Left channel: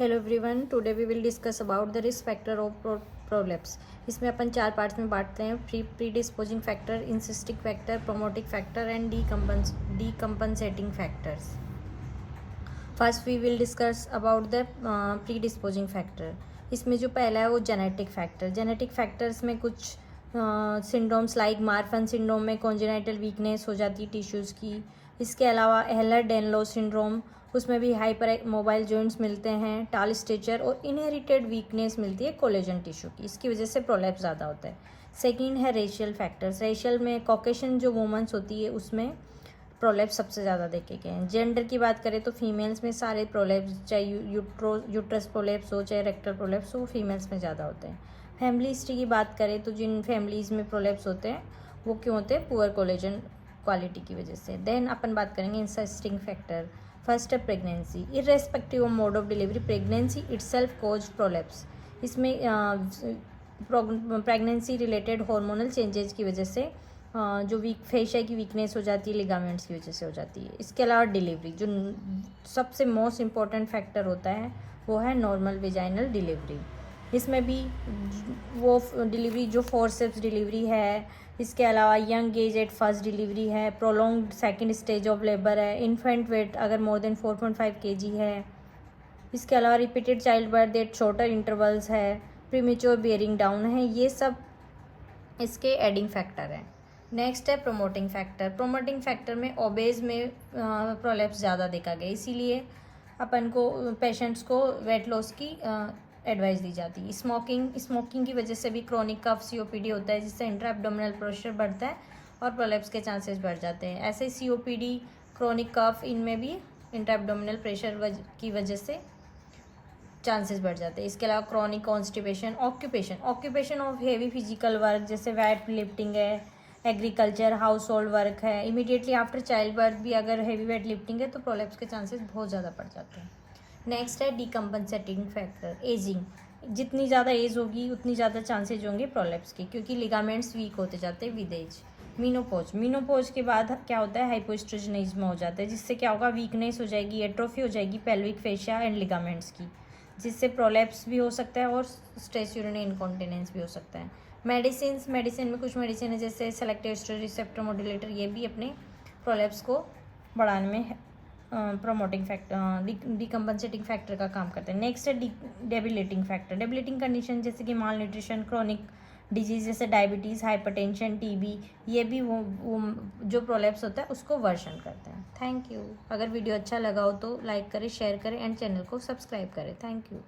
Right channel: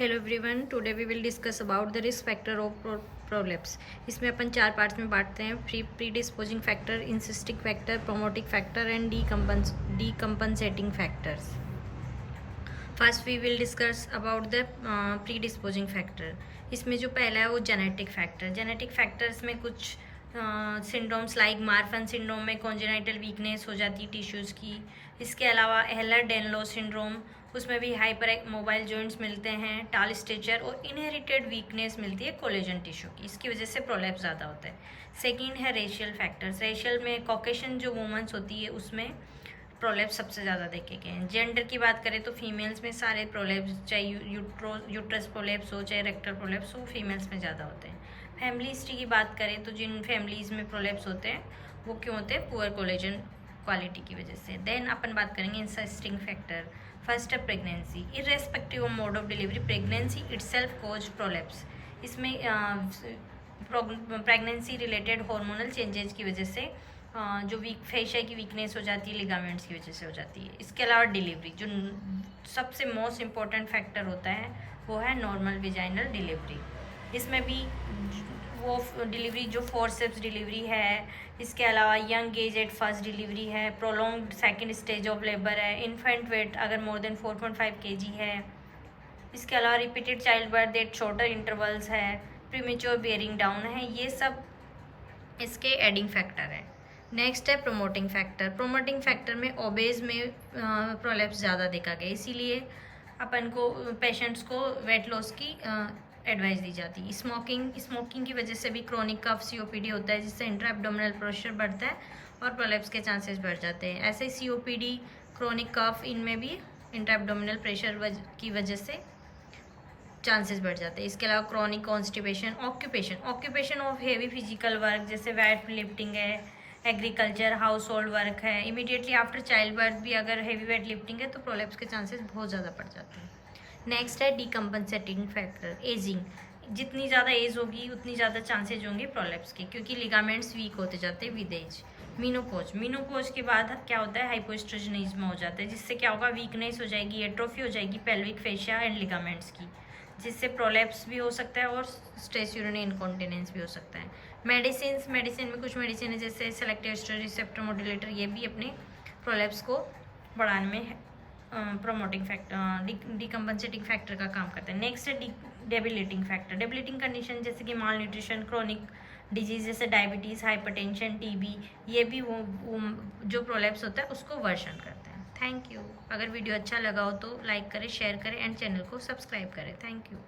Hello everyone, today we will discuss about the risk factor of prolapse. इसमें अपन 4 parts में बांटते हैं: predisposing factor, insisting factor, promoting factor and decompensating factors. First we will discuss about the predisposing factor. इसमें जो पहला है वो जेनेटिक फैक्टर। जेनेटिक फैक्टर्स में कुछ सिंड्रोम्स लाइक मार्फन सिंड्रोम में कॉन्जेनाइटल वीकनेस हो जाती है टिश्यूज़ की। इसके अलावा एहलर डेनलो सिंड्रोम, उसमें भी हाइपर मोबाइल जॉइंट्स मिलते हैं, टाल स्टेचर और इनहेरिटेड वीकनेस मिलती है कोलेजन टिश्यू की। इसकी वजह से प्रोलैप्स ज़्यादा होता है। सेकंड है रेशियल फैक्टर्स। रेशियल में कॉकेशन जो वुमेन्स होती है उसमें प्रोलैप्स सबसे ज़्यादा देखे गए हैं। जेंडर की बात करें तो फीमेल्स में सारे प्रोलैप्स, चाहे यूट्रस प्रोलैप्स हो चाहे रेक्टल प्रोलैप्स हो, फीमेल्स में ज़्यादा होते हैं। फैमिली हिस्ट्री की बात करें तो जिन फैमिलीज़ में प्रोलैप्स होते हैं वो क्यों होते हैं? पुअर कोलेजन क्वालिटी की वजह से। देन अपन बात करेंगे इंसिस्टिंग फैक्टर। फर्स्ट है pregnancy. Irrespective of mode of delivery, pregnancy itself cause prolapse. इसमें प्रेगनेंसी रिलेटेड हार्मोनल चेंजेस की वजह से जो फेशिया की वीकनेस हो जाती है, लिगामेंट्स की वजह से हो जाती है। इसके अलावा डिलीवरी, जो सबसे मोस्ट इम्पॉर्टेंट फैक्टर होता है वो है नॉर्मल वेजाइनल डिलीवरी। इसमें भी वो डिलीवरी जो फोर्सेप्स डिलीवरी है, इसके अलावा young age at first delivery है, prolonged second stage of labour है, इन्फेंट वेट अगर मोर देन 4.5 kg है, इसके अलावा repeated childbirth at shorter intervals है, प्रीमेच्योर बियरिंग डाउन है, ये सब इसके एडिंग फैक्टर हैं। नेक्स्ट है प्रोमोटिंग फैक्टर। प्रोमोटिंग फैक्टर में ओबेज में प्रोलैप्स ज़्यादा देखा गया, इसीलिए अपन को पेशेंट्स को वेट लॉस की एडवाइस दी जाती है। स्मोकिंग की वजह से भी क्रोनिक कफ सीओपीडी होता है, जिससे इंट्रा एब्डोमिनल प्रेशर बढ़ता है और प्रोलैप्स के चांसेस बढ़ जाते हैं। ऐसे ही सीओपीडी, क्रोनिक कफ, इनमें भी इंट्रा एब्डोमिनल प्रेशर की वजह से चांसेस बढ़ जाते हैं। इसके अलावा chronic constipation, occupation of heavy physical work जैसे वेट लिफ्टिंग है, एग्रीकल्चर, हाउस होल्ड वर्क है, इमीडिएटली आफ्टर चाइल्ड बर्थ भी अगर हेवी वेट लिफ्टिंग है तो प्रोलैप्स के चांसेस बहुत ज़्यादा बढ़ जाते हैं। नेक्स्ट है डीकम्पनसेटिंग फैक्टर, एजिंग। जितनी ज़्यादा एज होगी उतनी ज़्यादा चांसेज होंगे प्रोलैप्स के, क्योंकि लिगामेंट्स वीक होते जाते हैं विद एज। मीनोपोज के बाद क्या होता है? हाइपोस्ट्रोजनिज्म हो जाता है, जिससे क्या होगा? वीकनेस हो जाएगी, एट्रोफी हो जाएगी पेल्विक फेशिया एंड लिगामेंट्स की, जिससे प्रोलैप्स भी हो सकता है और स्ट्रेस यूरिनरी इनकॉन्टिनेंस भी हो सकता है। मेडिसिन में कुछ मेडिसिन है जैसे सेलेक्टिव एस्ट्रोजन रिसेप्टर मॉड्यूलेटर, ये भी अपने प्रोलैप्स को बढ़ाने में प्रोमोटिंग फैक्टर, डीकम्पनसेटिंग फैक्टर का काम करते हैं। नेक्स्ट है डेबिलिटिंग फैक्टर। डेबिलिटिंग कंडीशन जैसे कि माल न्यूट्रिशन, क्रोनिक डिजीज जैसे डायबिटीज़, हाइपरटेंशन, टीबी, ये भी वो जो प्रोलैप्स होता है उसको वर्सन करते हैं। Thank you. अगर वीडियो अच्छा लगा हो तो लाइक करें, शेयर करें एंड चैनल को सब्सक्राइब करें। Thank you.